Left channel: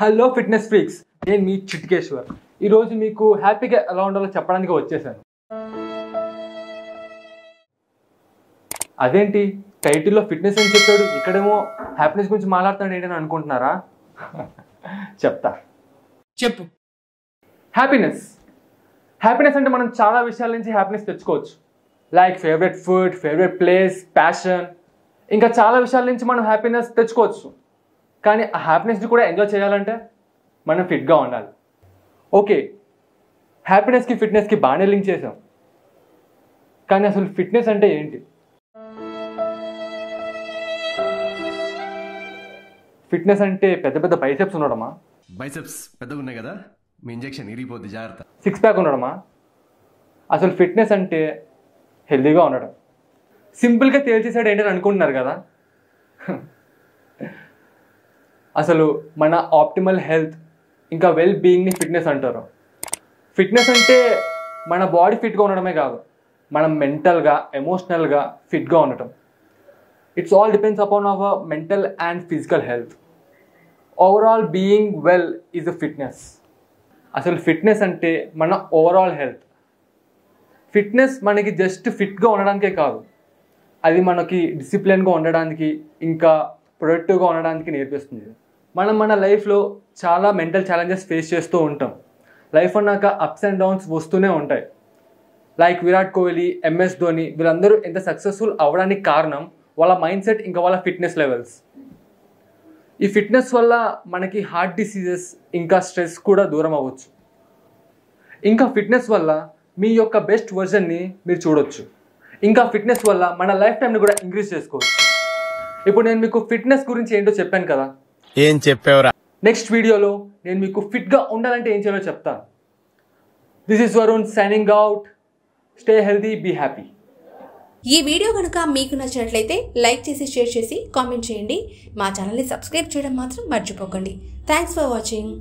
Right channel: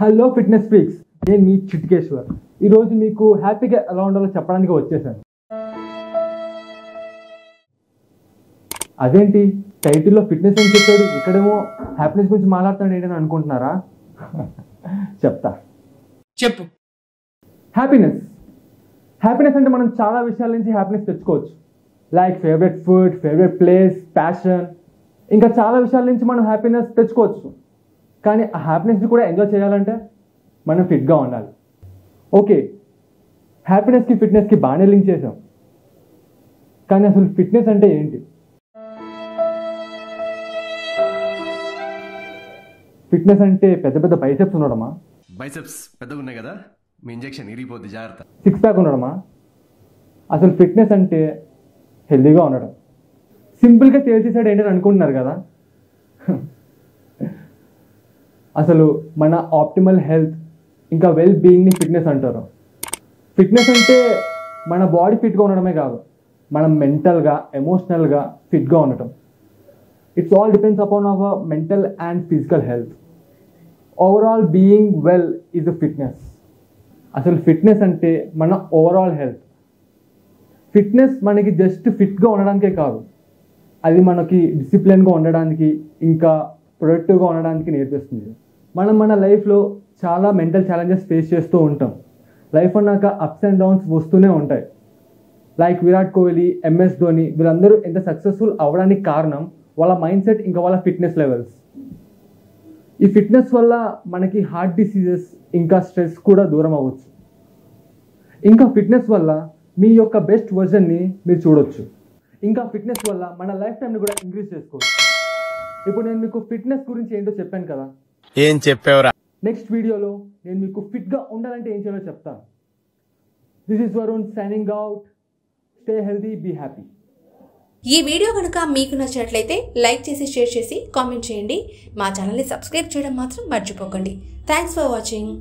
Hello fitness freaks, నేను మీ చిట్కేశ్వర్. ఈరోజు మీకు హ్యాపీగా ఎలా ఉండాలో చెప్పడానికి వచ్చేసాను. అదేంటి టైటిల్లో ఫిట్నెస్ అని చెప్పాడు, ఇక్కడేమో హ్యాపీనెస్ గురించి మాట్లాడుతాడు ఏంటని అనుకుంటున్నారా? చెప్తా, చెప్పు. హ్యాపీనెస్ అంటే మనం చాలా విషయాల నుంచి హ్యాపీనెస్ తెచ్చుకోవచ్చు. Like favourite food, favourite place, passion, ఇంకా చాలా విషయాల నుంచి మనం హ్యాపీనెస్ తెచ్చుకోవచ్చు. కానీ ఆ హ్యాపీనెస్ని కూడా ఎంజాయ్ చేయాలంటే మనం ఫిట్గా ఉండాలి. ఓకే, హ్యాపీనెస్కి ఫిట్నెస్కి బాగానే లింక్ చేసాం, కానీ అసలు ఫిట్నెస్ అంటే ఏంటి? ఫిట్నెస్ అంటే పెద్ద పెద్ద బైసెప్స్ ఉండడమా? బైసెప్స్ పెద్దగా ఉన్నాయి కదా, మీ ఇంజెక్షన్ ఇరిగిపోద్ది, జాగ్రత్త. సిక్స్ ప్యాక్ ఉండడమా? అసలు ఫిట్నెస్ అంటే హెల్తీగా ఉండడం. సింపుల్గా తేల్చేసాడు ఏంటని అనుకుంటున్నారు కదా. అసలు మన ఆప్టిమల్ హెల్త్ ఇంకా వెల్ బీయింగ్ని ఫిట్నెస్ అంటారు. ఫిట్నెస్ అంటే మన బాడీ ఫిట్గా ఉండడమే కాదు, మనం మెంటల్గా, ఎమోషనల్గా ఫిట్గా ఉండటం. It's all depends upon our mental and physical health. Overall being well is a fitness. అసలు ఫిట్నెస్ అంటే మన ఓవరాల్ హెల్త్. ఫిట్నెస్ మనకి జస్ట్ ఫిట్గా ఉండడానికే కాదు, అది మనకి డిసిప్లిన్గా ఉండడానికి, ఇంకా ప్రొడక్టివ్గా ఉండడానికి నేర్పిస్తుంది. మనం మన లైఫ్లో చాలా మెంటల్ ఛాలెంజెస్ ఫేస్ చేస్తూ ఉంటాం. లైఫ్ అన్నాక అప్స్ అండ్ డౌన్స్ వస్తూనే ఉంటాయి. లైక్ విరాట్ కోహ్లీ, ఎంఎస్ ధోని, వీళ్ళందరూ ఎంత సక్సెస్ఫుల్ అవ్వడానికి కారణం వాళ్ళ మైండ్ సెట్, ఇంకా వాళ్ళ ఫిట్నెస్ లెవెల్స్. ఈ ఫిట్నెస్ వల్ల మనకి హార్ట్ డిసీజెస్ ఇంకా స్ట్రెస్ కూడా దూరం అవ్వచ్చు. ఇంకా ఫిట్నెస్ వల్ల మీ యొక్క బెస్ట్ వర్జన్ని మీరు చూడొచ్చు. ఇంకా ఫిట్నెస్ వల్ల మన లైఫ్ టైంని కూడా ఇంక్రీజ్ చేసుకోవచ్చు. ఇప్పుడు నేను మీకు ఫిట్నెస్ గురించి ఏంటో చెప్పాను కదా, ఏం చెప్పావురా? నెక్స్ట్ వీడియోలో నేను మీకు ఫిట్గా ఉండాలంటే ఏం చేయాలో చెప్తాను. This is Varun signing out. Stay healthy, be happy. ఈ వీడియో కనుక మీకు నచ్చినట్లయితే లైక్ చేసి, షేర్ చేసి, కామెంట్ చేయండి. మా ఛానల్ని సబ్స్క్రైబ్ చేయడం మాత్రం మర్చిపోకండి. Thanks for watching.